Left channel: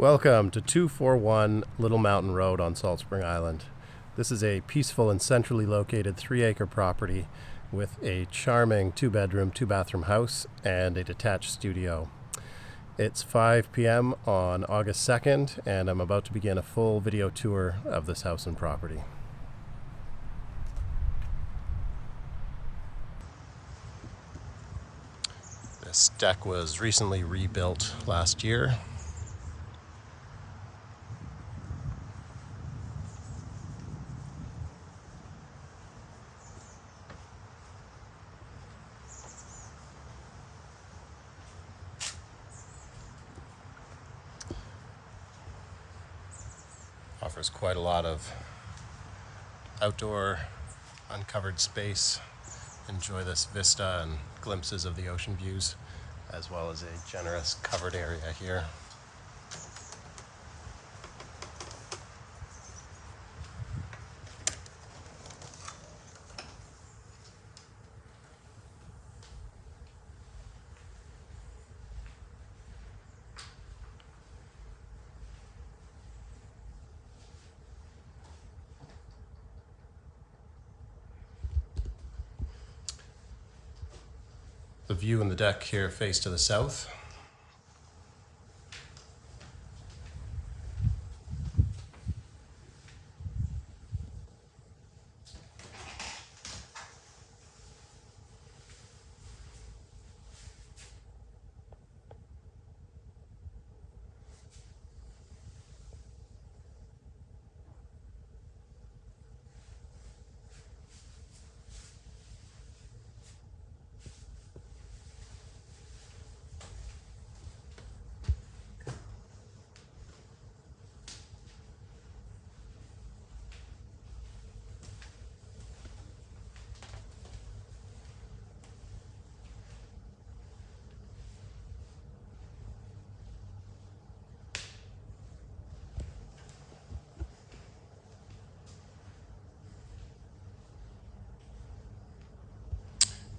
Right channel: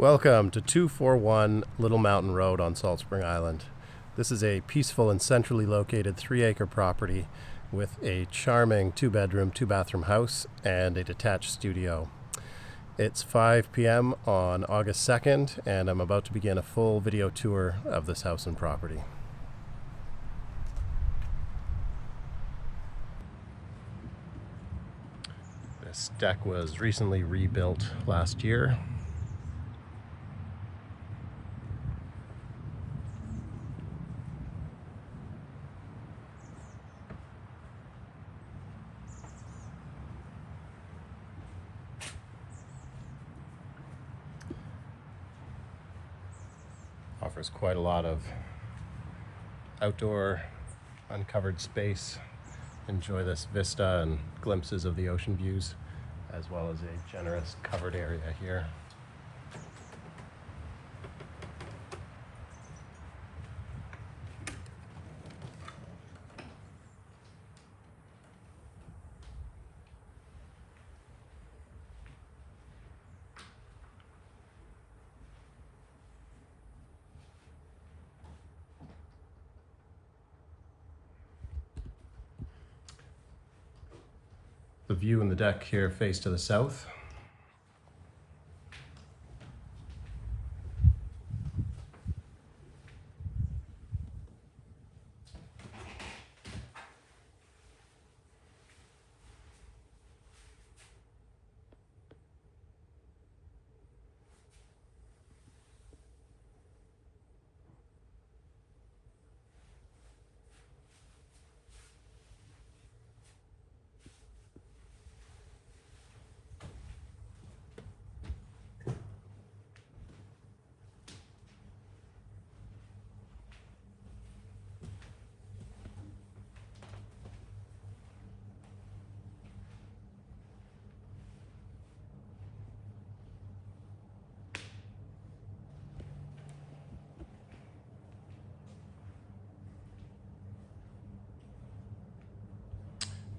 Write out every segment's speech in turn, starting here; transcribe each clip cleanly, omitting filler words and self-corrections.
Welcome to 241 Little Mountain Road on Salt Spring Island. This is a peaceful and centrally located 3-acre property with a charming 2-bedroom, 2-bathroom house and a detached studio. It's 5 p.m. on August 2nd, and I'm about to begin a full video tour of this house and property. This deck was recently rebuilt last year. Offers quite a lot of outdoor uncovered space. Enjoy this vista and glimpses of the ocean views, as well as a generous covered area here. The view in the deck here face to the south.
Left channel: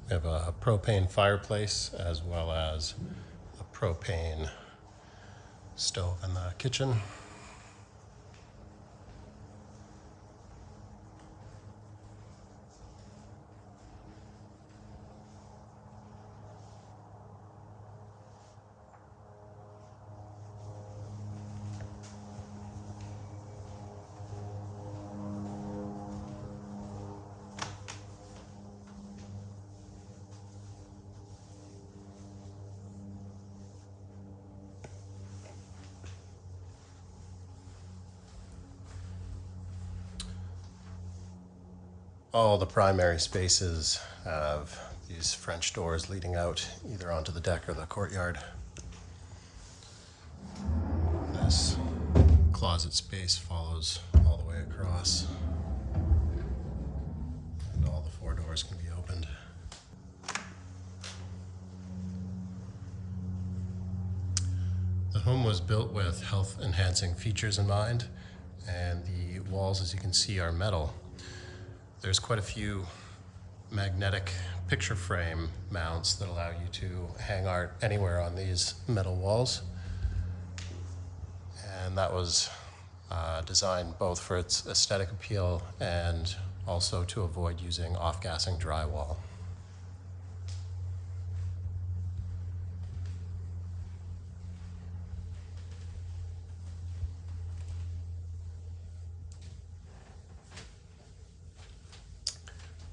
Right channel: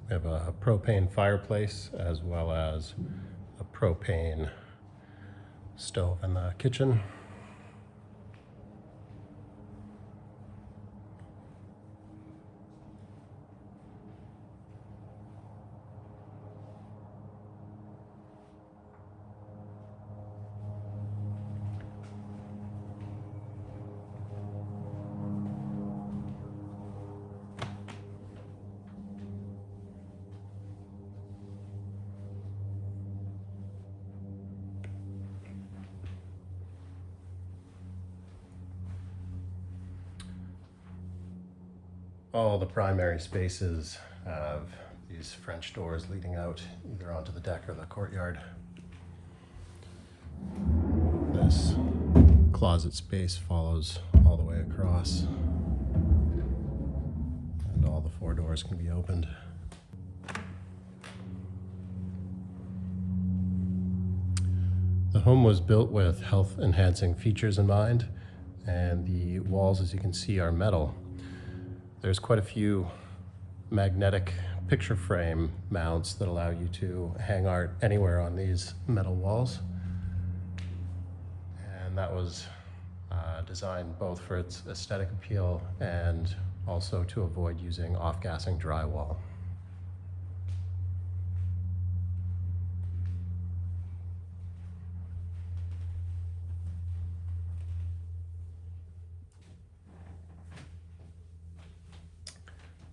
We have a propane fireplace as well as a propane stove in the kitchen. All the primary spaces have these French doors leading out either onto the deck or the courtyard. This closet space follows all the way across, and all the 4 doors can be opened. The home was built with health-enhancing features in mind, and the walls, as you can see, are metal. There's quite a few magnetic picture frame mounts that allow you to hang art anywhere on these metal walls. And that was designed both for its aesthetic appeal and also to avoid using off-gassing drywall.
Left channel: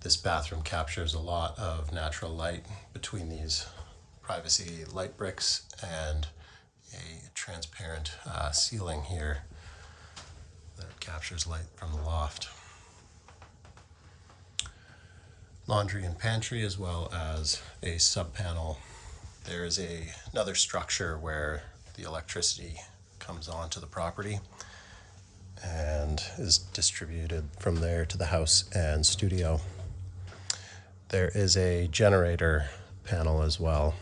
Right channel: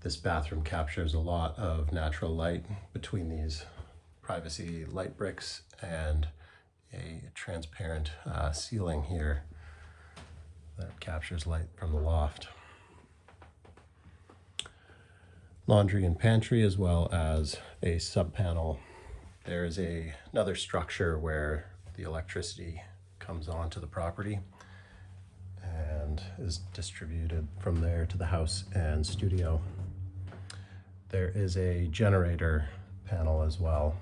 This bathroom captures a lot of natural light between these privacy light bricks and a transparent ceiling here that captures light from the loft. Laundry and pantry, as well as a sub-panel. There is another structure where the electricity comes onto the property and is distributed from there to the house and studio. There is a generator panel as well.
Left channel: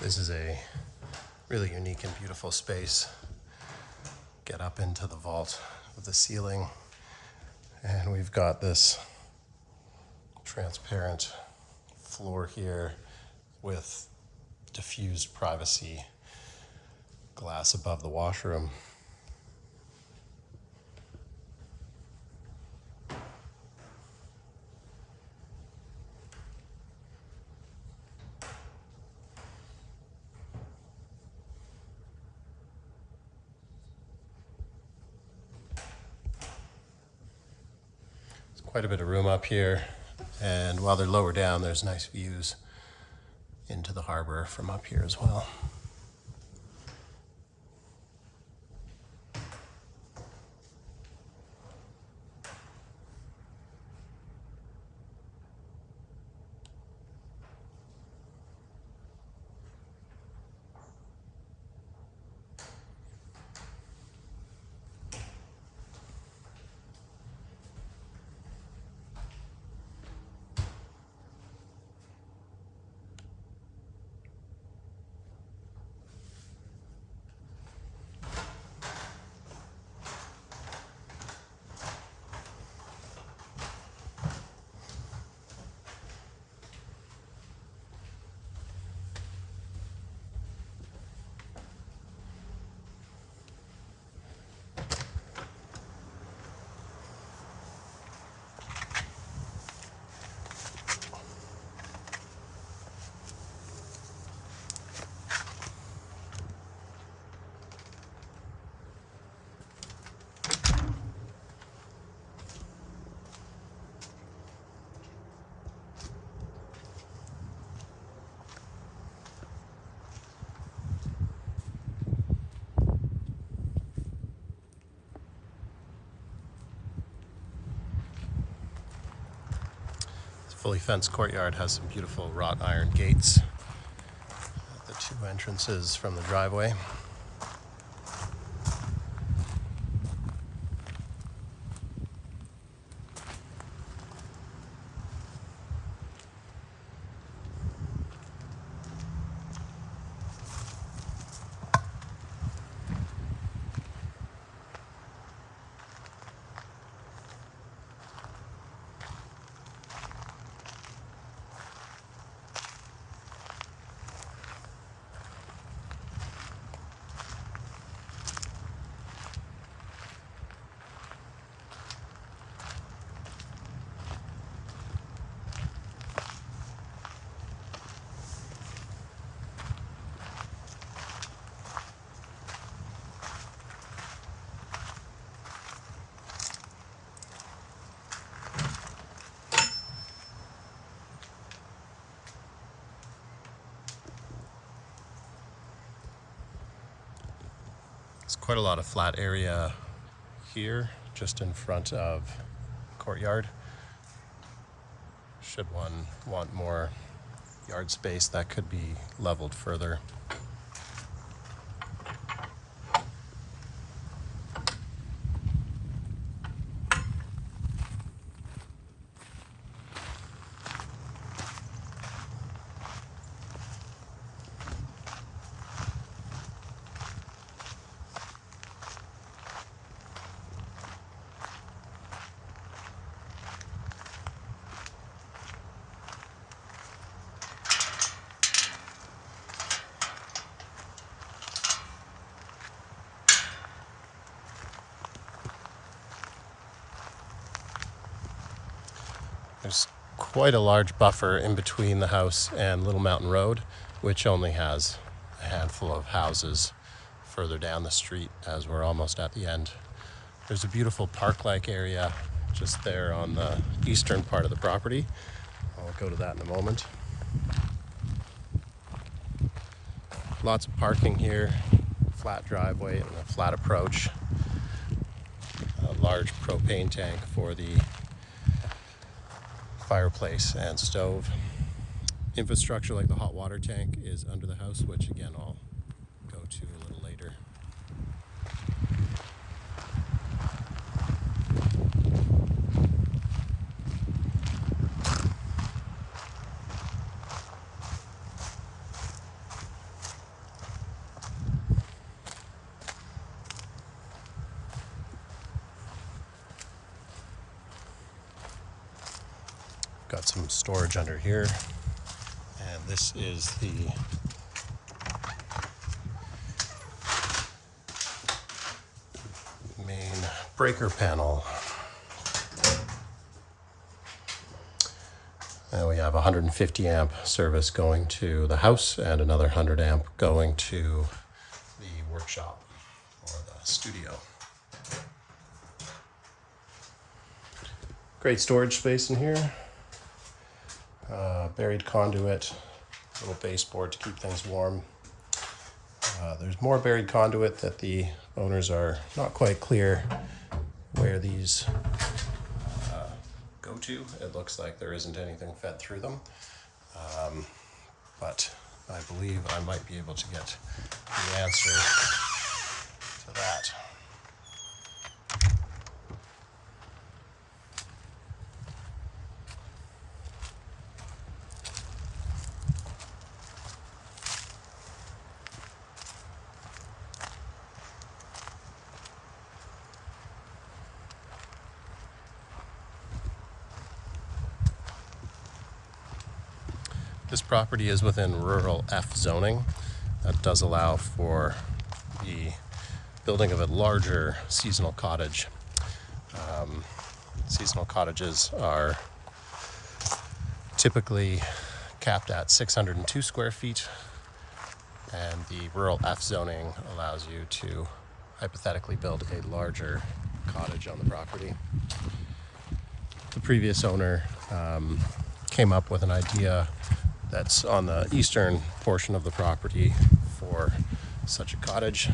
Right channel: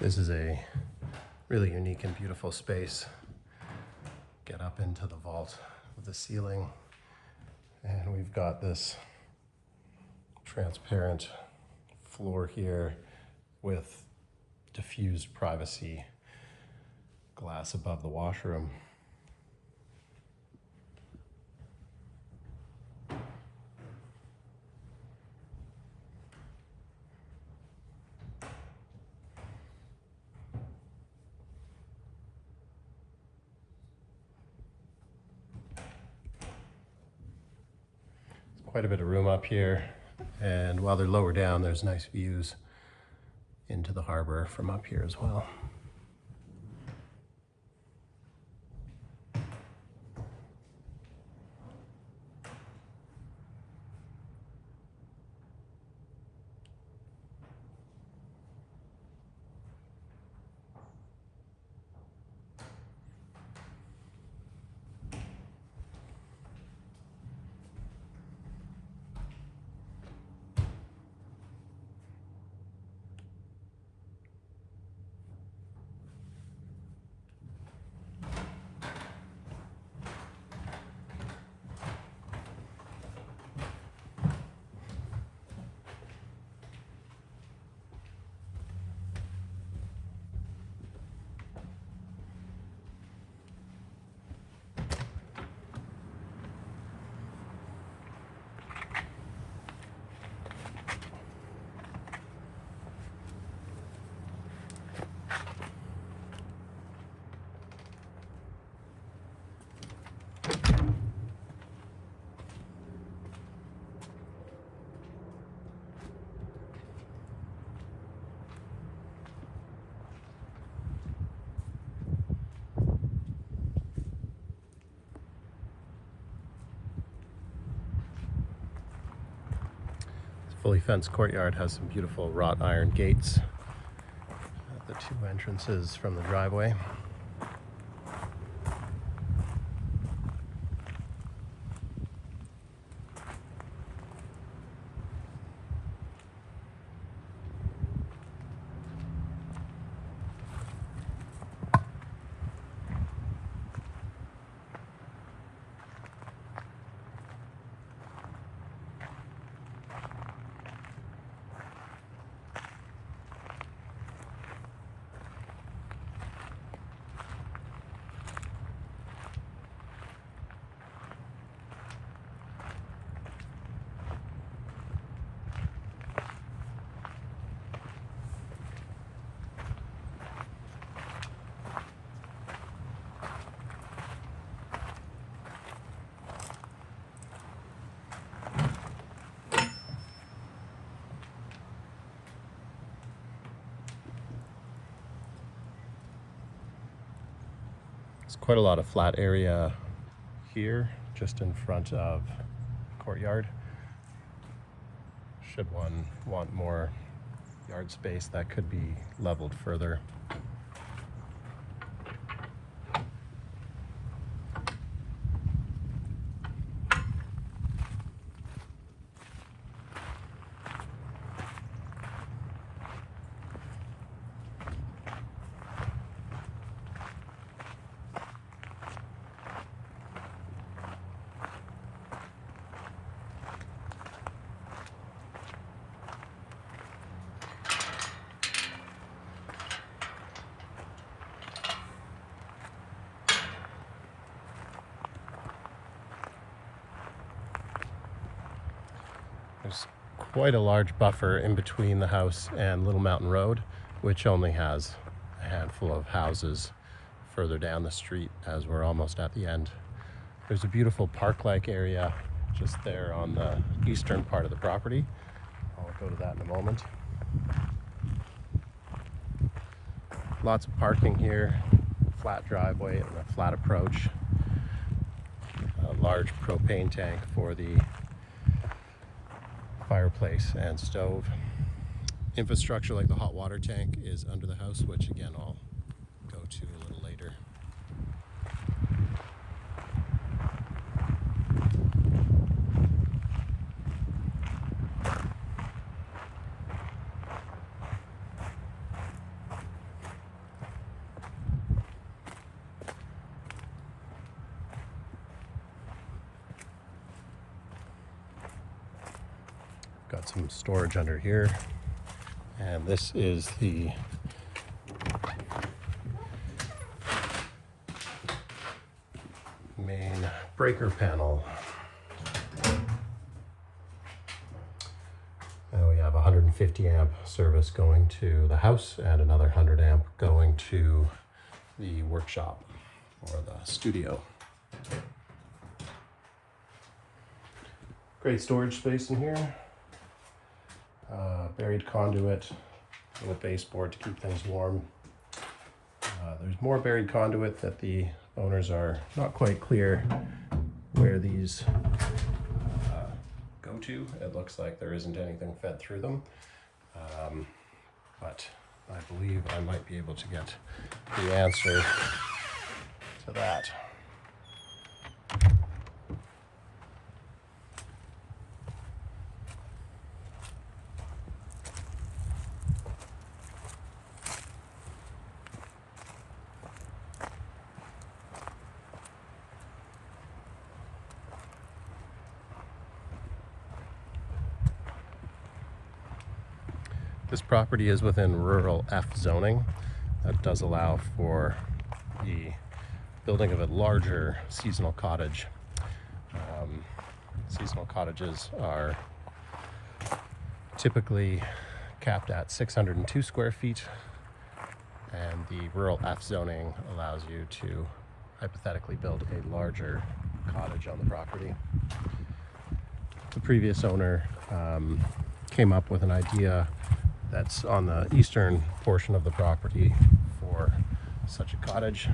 This is a really unique and beautiful space. Get up into the vault of the ceiling, and we've got this transparent floor here with diffused privacy glass above the washroom. Quite a bit of room up here, and while they're lower down, there's nice views into the harbor from up here as well. Fully fenced courtyard has some beautiful wrought iron gates at the two entrances from the driveway. There's quite a lot of flat area here, just in front of the courtyard. Should one want more yard space, that could be leveled further. There's quite a large buffer in between the house and Little Mountain Road, which only has a handful of houses further down the street as we're almost at the end. There's a beautiful park-like area just there on the eastern part of the property. I'll go to that in a moment. Lots of parking here, flat driveway and a flat approach. A large propane tank for the fireplace and stove. Infrastructure like the hot water tank is under the house, which again I'll go to a little later. some storage under here. And this is the main breaker panel. And we have 150 amp service going to the house and another 100 amp going to the workshop or the studio. Great storage space in here. Buried conduit, little baseboard to keep things warm. There's more buried conduit that the owners are not quite clear where these go to. It looks like there isn't anything fed through them, but I believe I might be able to get the answer to that. This property is within rural F zoning. That does allow for the building of a larger seasonal cottage. Seasonal cottages are typically capped at 602 square feet, and the rural F zoning allows you to hypothetically build a larger cottage on the property. The previous owner came up with an idea that's on the eastern portion of the property for such a cottage.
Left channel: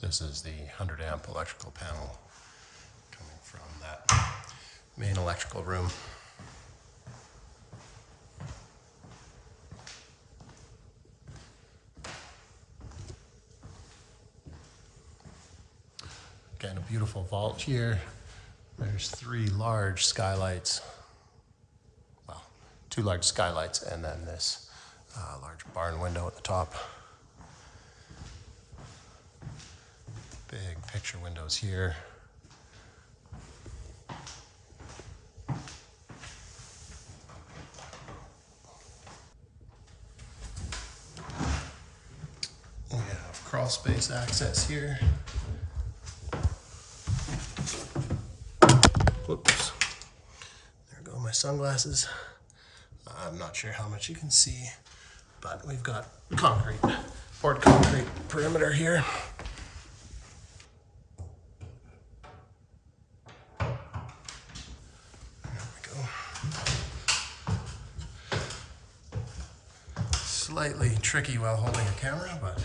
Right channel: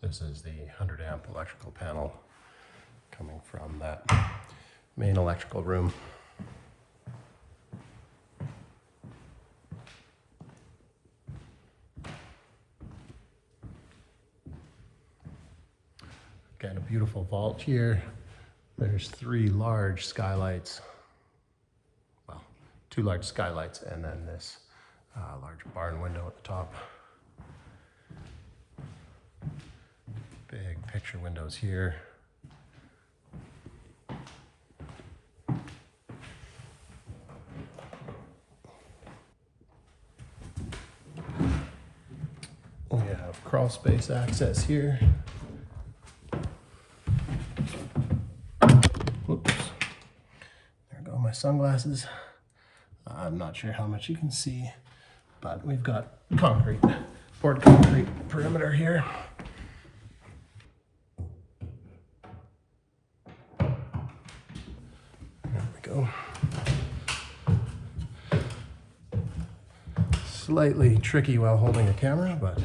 This is the 100 amp electrical panel coming from that main electrical room. Again, a beautiful vault here. There's 3 large skylights. Well, 2 large skylights and then this large barn window at the top. Big picture windows here. We have crawl space access here. Whoops. There go my sunglasses. I'm not sure how much you can see, but we've got concrete, poured concrete perimeter here. Slightly tricky while holding a camera, but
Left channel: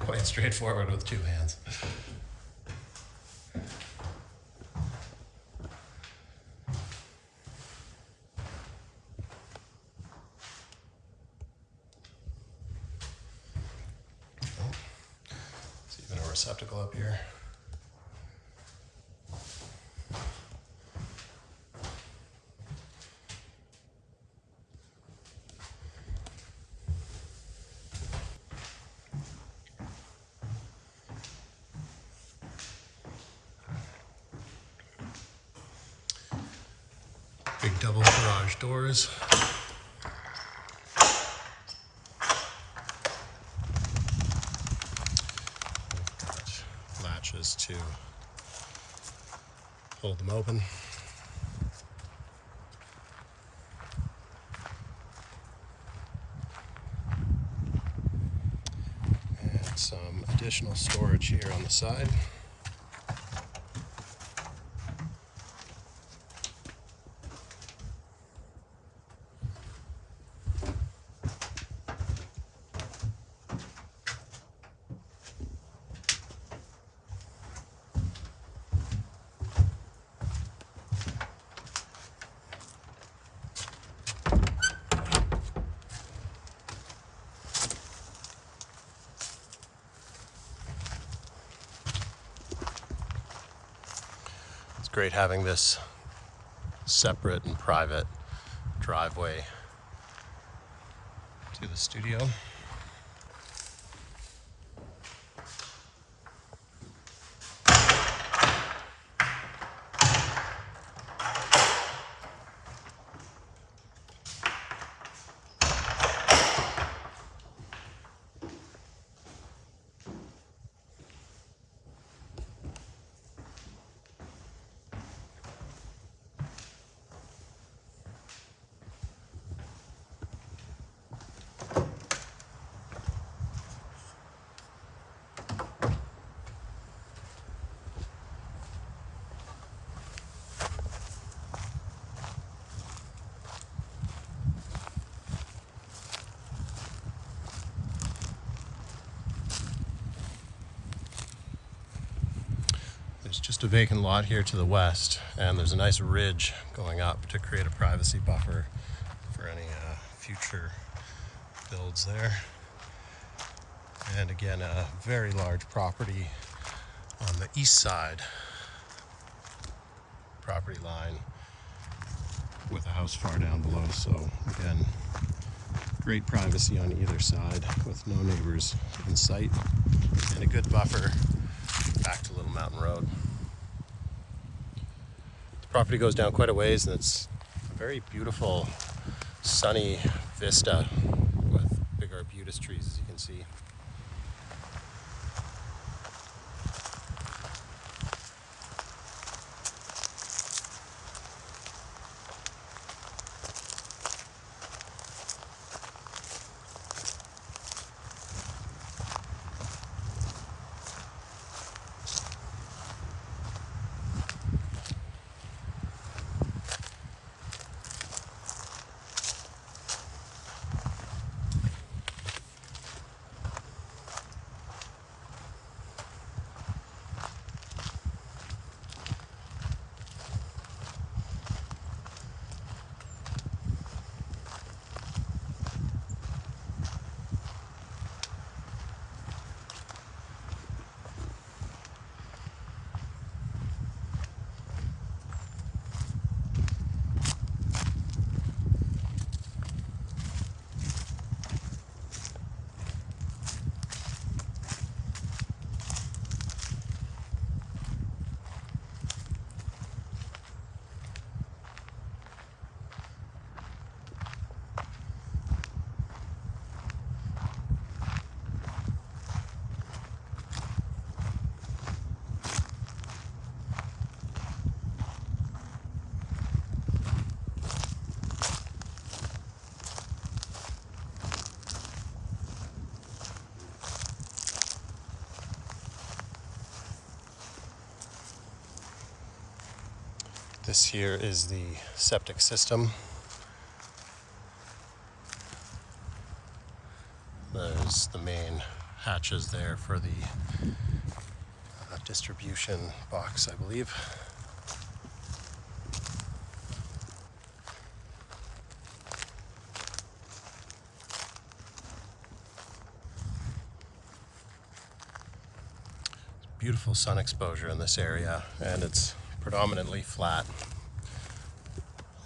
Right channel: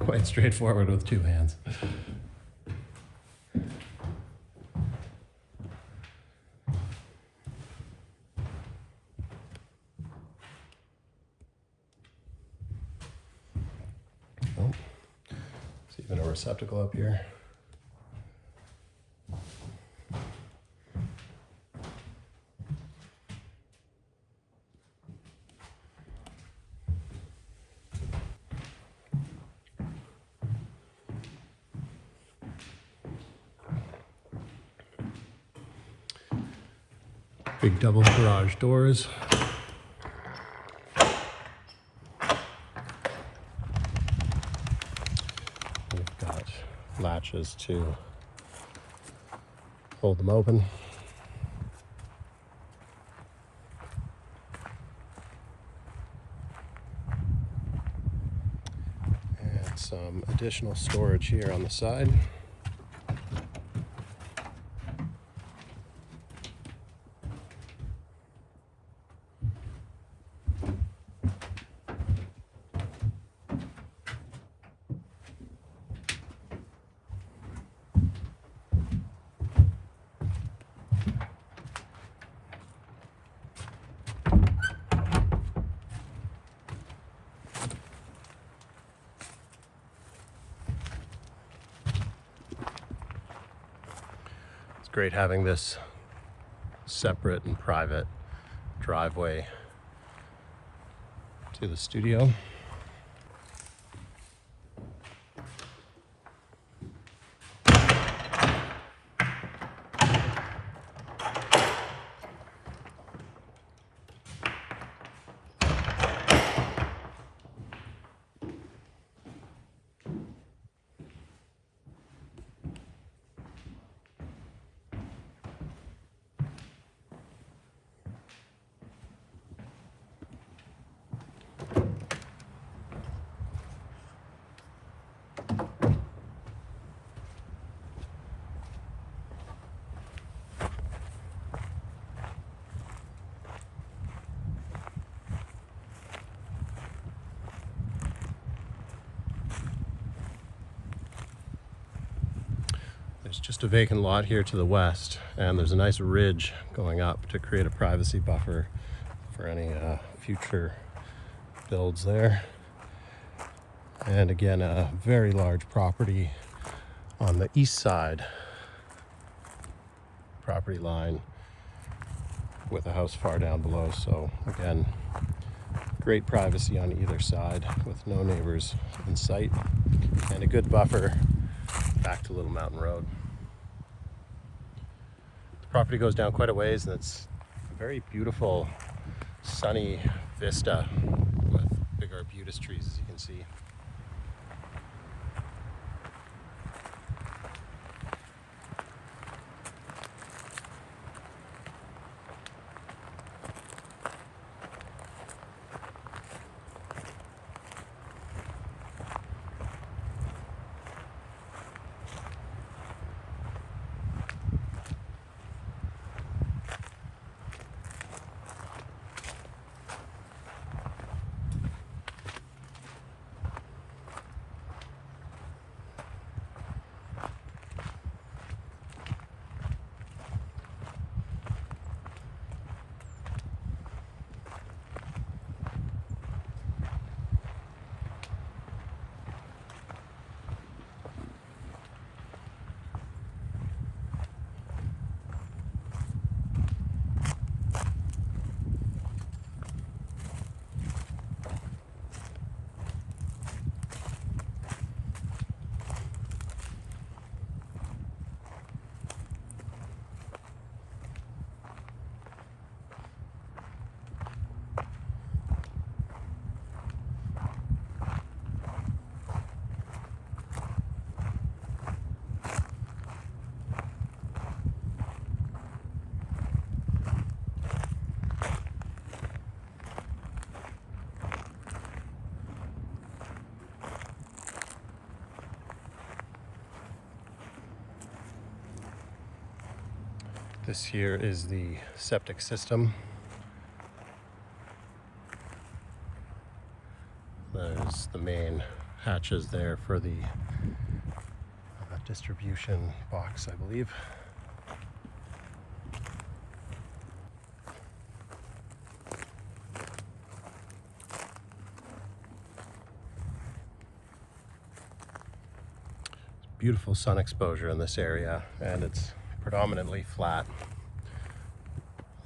quite straightforward with 2 hands. Oh, there's even a receptacle up here. Big double garage doors. We've got latches to hold them open. And some additional storage here on the side. great having this separate and private driveway to the studio. There's just a vacant lot here to the west, and there's a nice ridge going up to create a privacy buffer for any future builds there. And again, a very large property on the east side property line with a house far down below. So again, great privacy on either side with no neighbors in sight and a good buffer back to Little Mountain Road. The property goes down quite a ways, and it's a very beautiful sunny vista with big arbutus trees, as you can see. This here is the septic system. There's the main hatches there for the distribution box, I believe. Beautiful sun exposure in this area, and it's predominantly flat.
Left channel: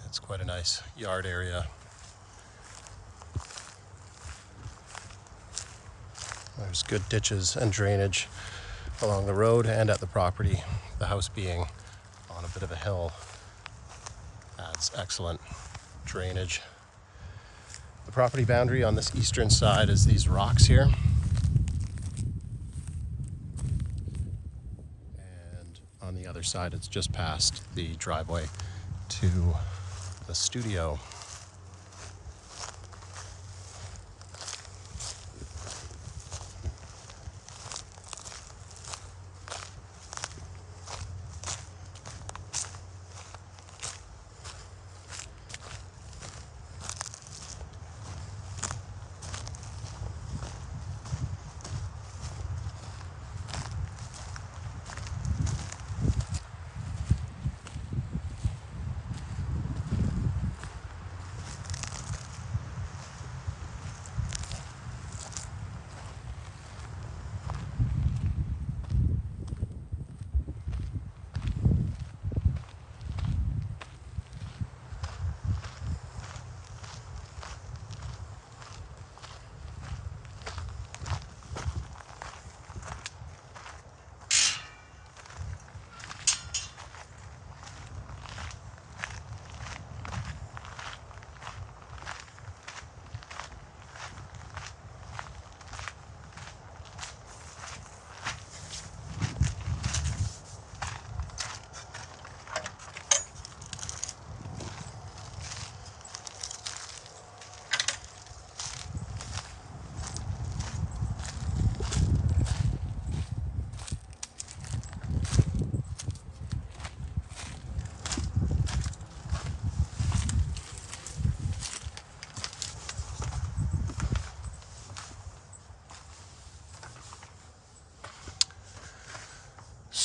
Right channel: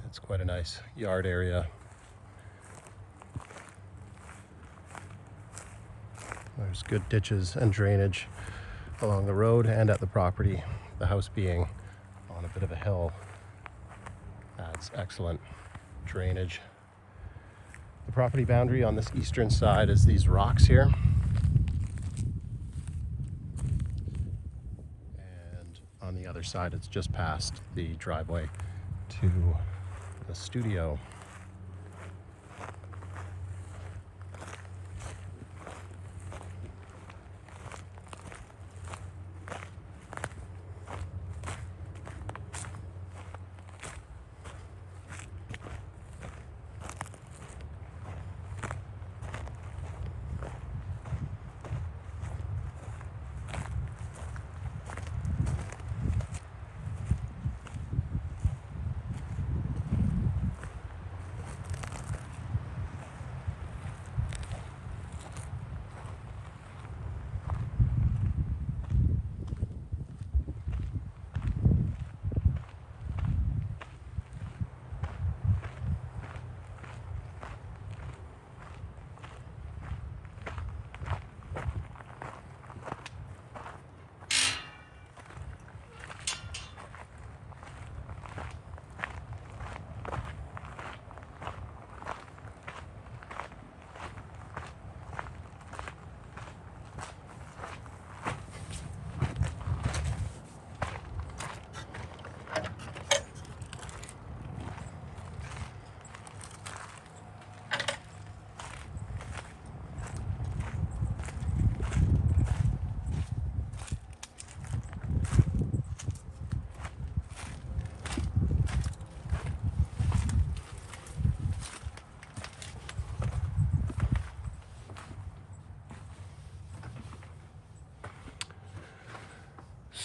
It's quite a nice yard area. There's good ditches and drainage along the road and at the property. The house being on a bit of a hill adds excellent drainage. The property boundary on this eastern side is these rocks here. And on the other side, it's just past the driveway to the studio.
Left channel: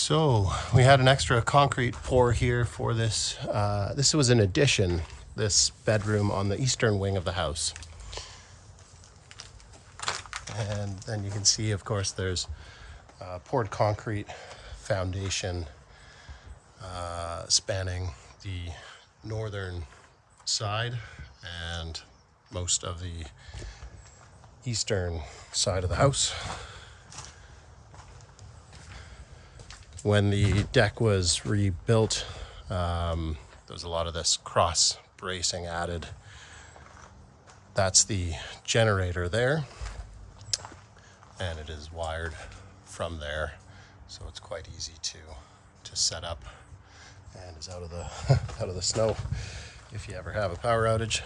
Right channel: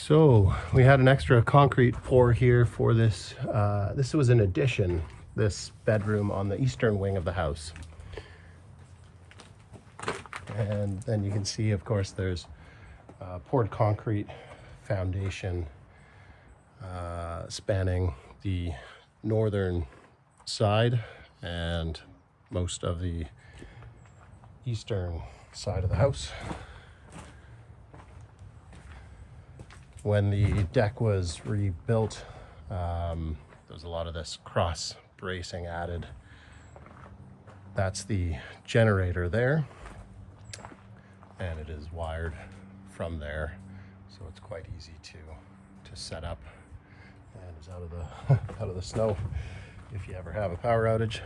So we had an extra concrete pour here for this. This was an addition, this bedroom on the eastern wing of the house. And then you can see, of course, there's poured concrete foundation spanning the northern side and most of the eastern side of the house. When the deck was rebuilt, there was a lot of this cross bracing added. That's the generator there, and it is wired from there, so it's quite easy to set up and is out of the out of the snow if you ever have a power outage.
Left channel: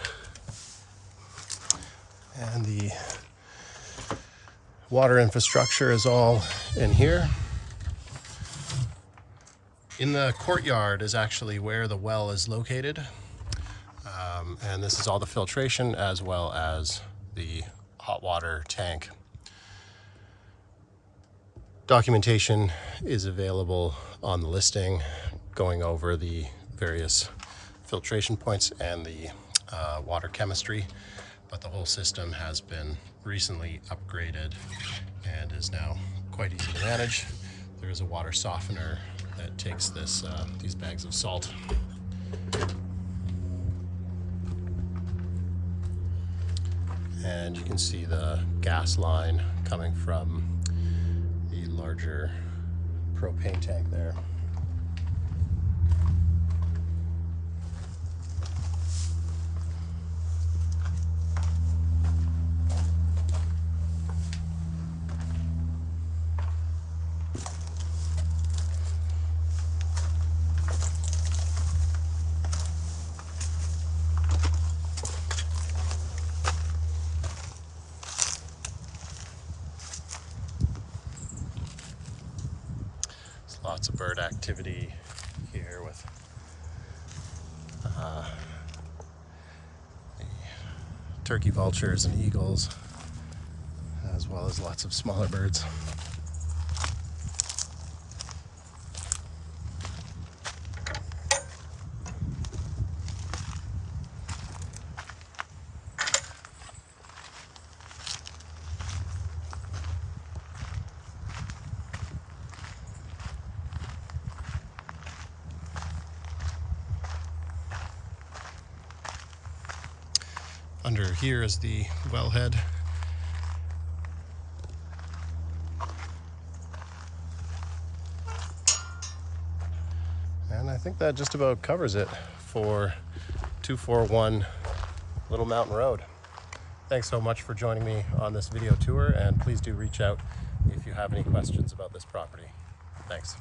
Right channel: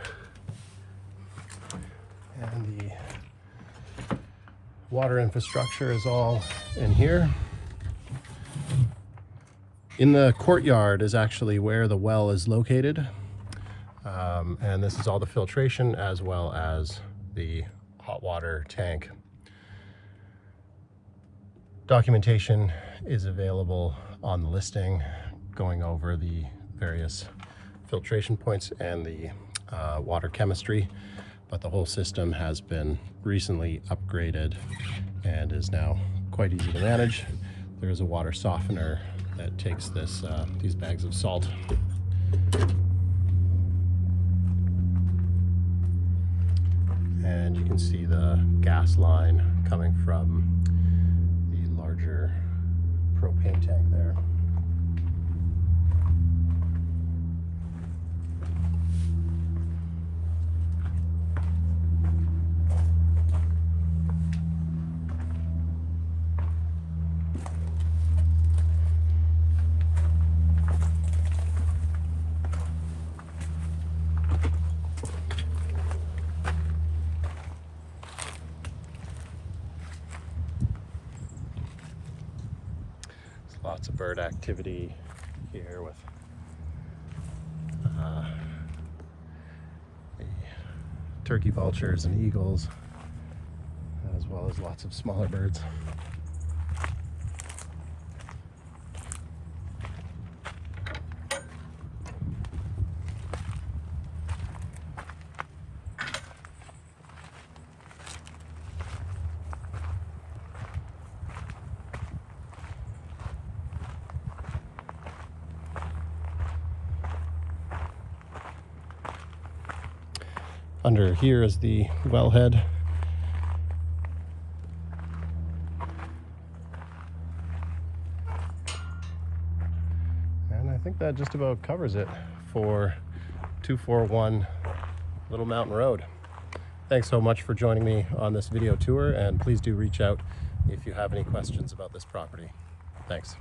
And the water infrastructure is all in here. In the courtyard is actually where the well is located, and this is all the filtration as well as the hot water tank. Documentation is available on the listing going over the various filtration points and the water chemistry, but the whole system has been recently upgraded and is now quite easy to manage. There is a water softener that takes this these bags of salt. And you can see the gas line coming from the larger propane tank there. Lots of bird activity here with the turkey vultures and eagles, as well as lots of smaller birds. Under here is the wellhead. And I think that just about covers it for 241 Little Mountain Road. Thanks so much for joining me on this video tour, and please do reach out if you have any questions about this property. Thanks.